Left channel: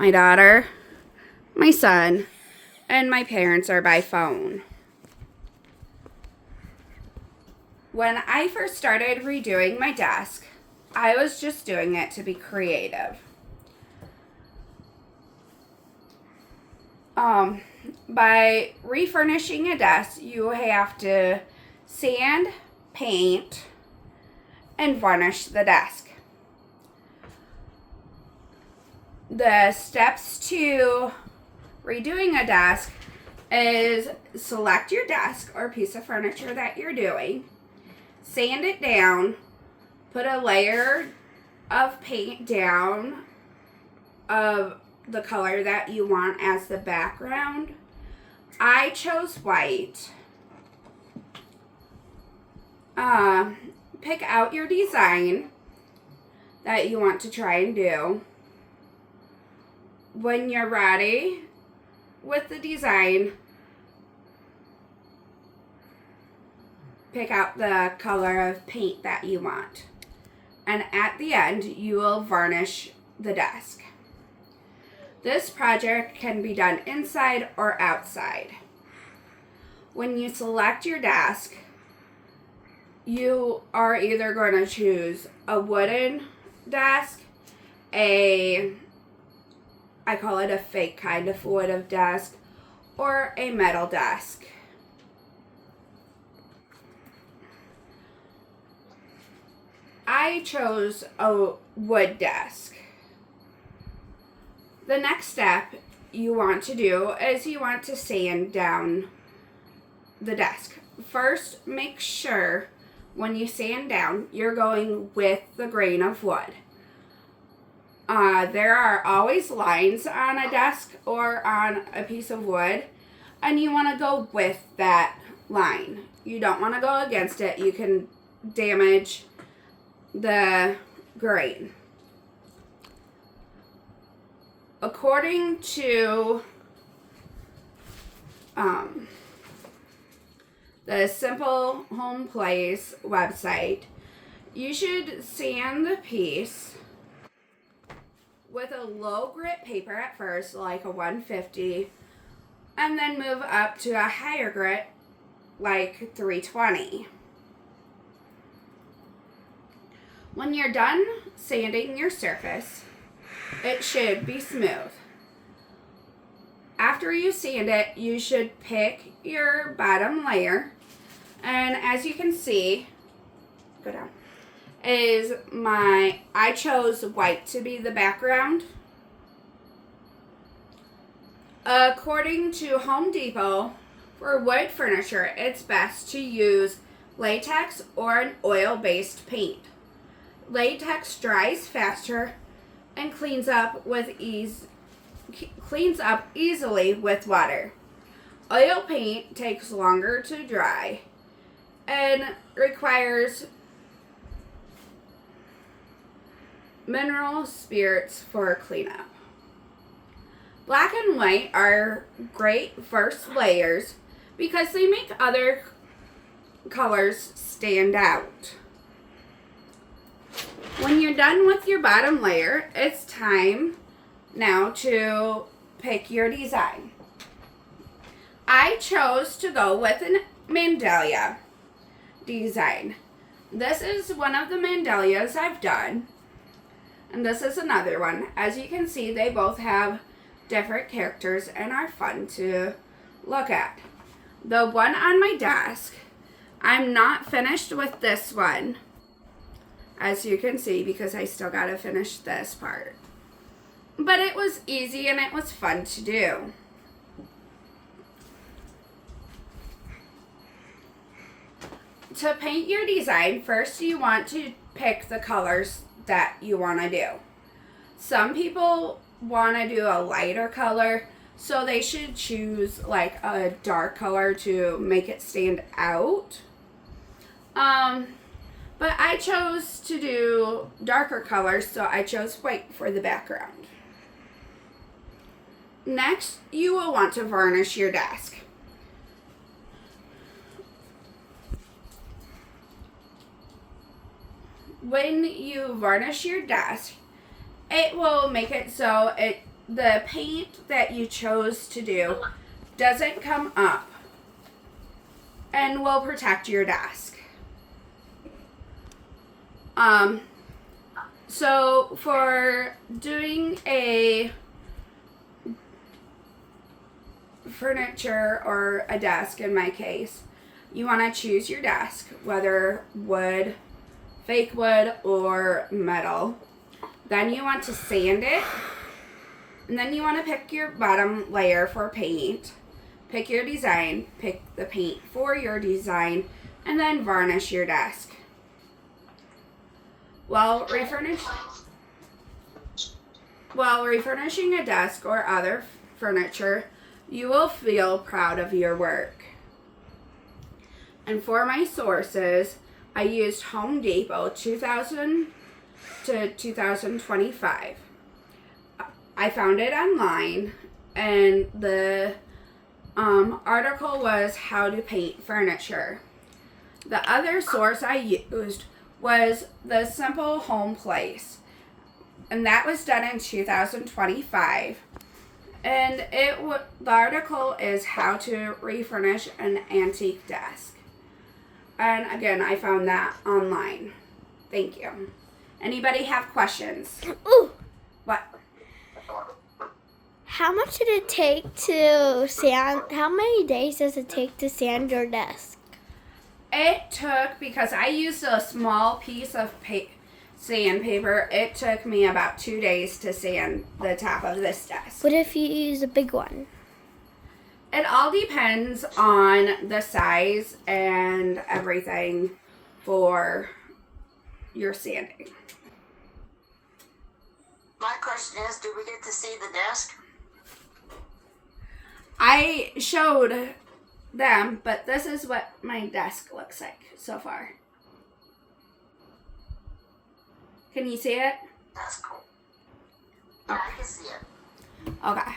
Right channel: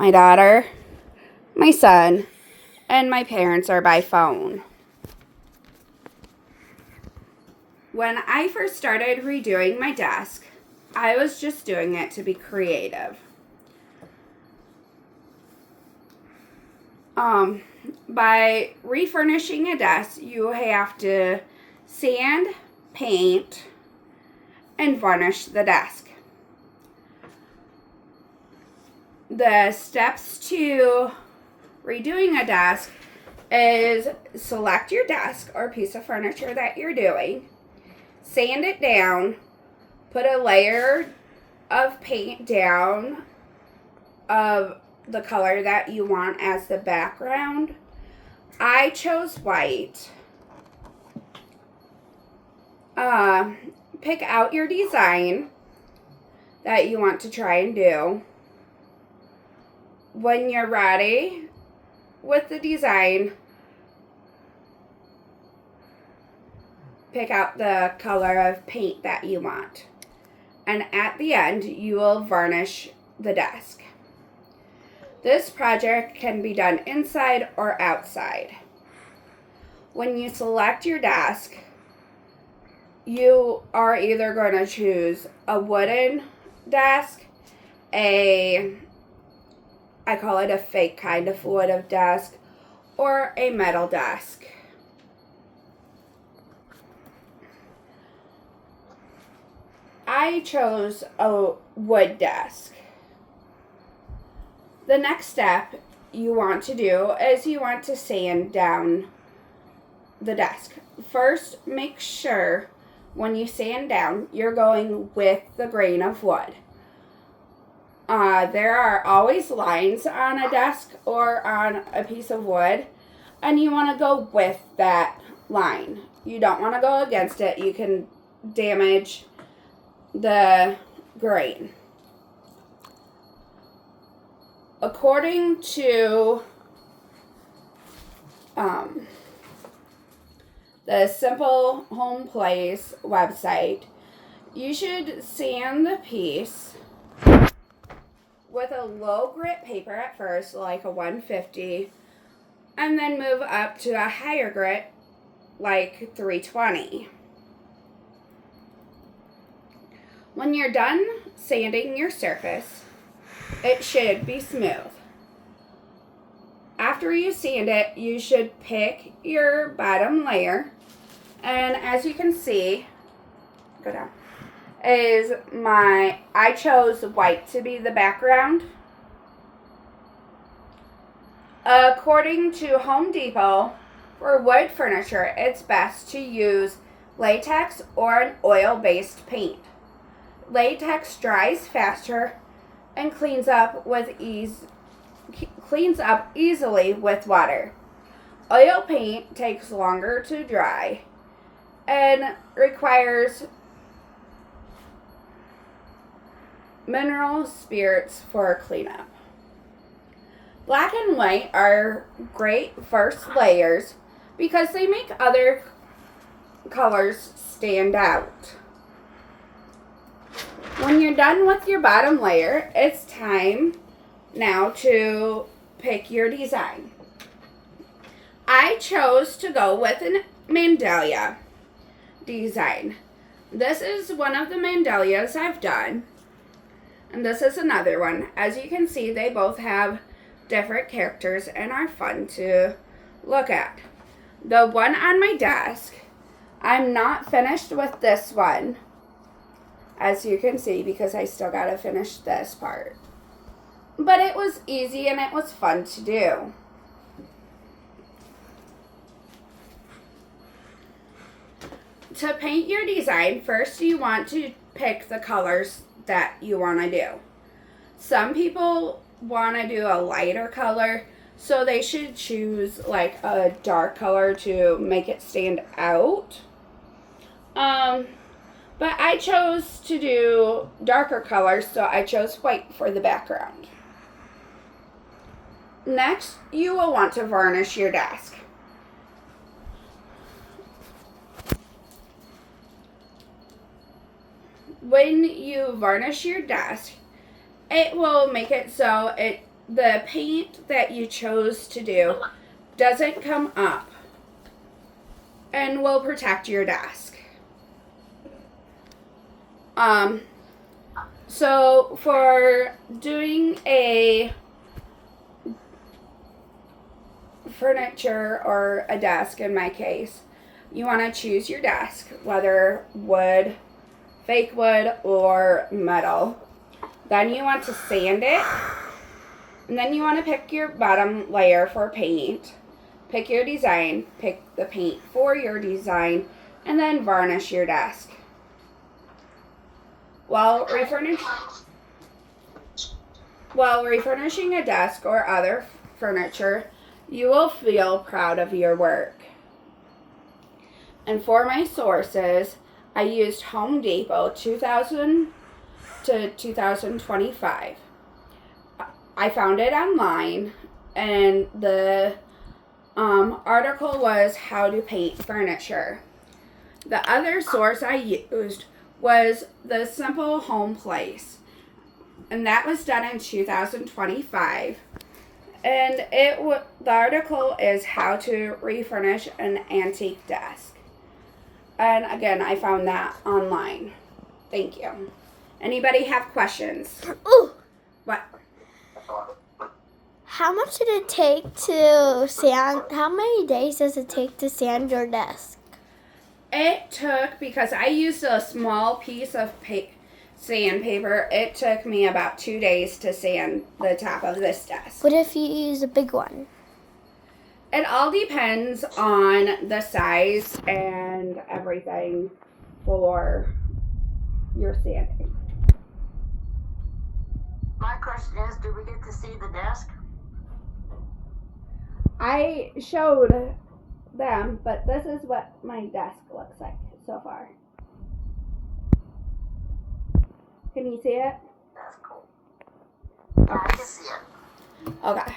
my daughter, my son, and my parents are by phone. When I first started redoing my desk, I was just doing it to be creative. By refurnishing a desk, you have to sand, paint, and varnish the desk. The steps to redoing a desk is select your desk or piece of furniture that you're doing, sand it down, put a layer of paint down of the color that you want as the background. I chose white. Pick out your design that you want to try and do. When you're ready with the design, pick out the color of paint that you want. And at the end, you will varnish the desk. This project can be done inside or outside. When you select your desk, you are either going to choose a wooden desk, I call it a fake kind of wood desk, or a metal desk. I chose a wood desk. The next step you want to do is you want to sand down the desk. First, make sure when you sand down, you're going with the grain of wood. There are always lines on a desk or on a piece of wood, and you want to go with that line. You don't want to go against it. You can damage the grain. According to the Simple Home Place website, you should sand the piece with a low grit paper at first, like a 150, and then move up to a higher grit, like 320. When you're done sanding your surface, it should be smooth. After you sand it, you should pick your bottom layer, and as you can see, go down, I chose white to be the background. According to Home Depot, for wood furniture, it's best to use latex or an oil-based paint. Latex dries faster and cleans up easily with water. Oil paint takes longer to dry and requires mineral spirits for cleanup. Black and white are great first layers because they make other colors stand out. When you're done with your bottom layer, it's time now to pick your design. I chose to go with a mandala design. This is one of the mandalas I've done, and this is another one. As you can see, they both have different characters and are fun to look at. The one on my desk, I'm not finished with this one, as you can see, because I still gotta finish this part. But it was easy and it was fun to do. To paint your design, first you want to pick the colors that you want to do. Some people want to do a lighter color, so they should choose like a dark color to make it stand out. But I chose to do darker colors, so I chose white for the background. Next, you will want to varnish your desk. When you varnish your desk, it will make it so it the paint that you chose to do doesn't come up and will protect your desk. So for doing a furniture or a desk, in my case, you want to choose your desk, whether wood, fake wood, or metal. Then you want to sand it, and then you want to pick your bottom layer for paint, pick your design, pick the paint for your design, and then varnish your desk. While refurnishing a desk or other furniture, you will feel proud of your work. And for my sources, I used Home Depot 2000 to 2025. I found it online, and the article was How to Paint Furniture. The other source I used was The Simple Home Place, and that was done in 2025. And the article is How to Refurnish an Antique Desk. And again, I found that online. Thank you. Anybody have questions? Ooh. What? How much did it take to sand? How many days does it take to sand your desk? It took, because I used a small piece of sandpaper, it took me about 2 days to sand the top of this desk. What if you use a big one? It all depends on the size and everything for your sanding. My question is, do we get to see the desk? I showed them, but this is what my desk looks like so far. Can you see it? That's cool. Okay. I can see it. Okay.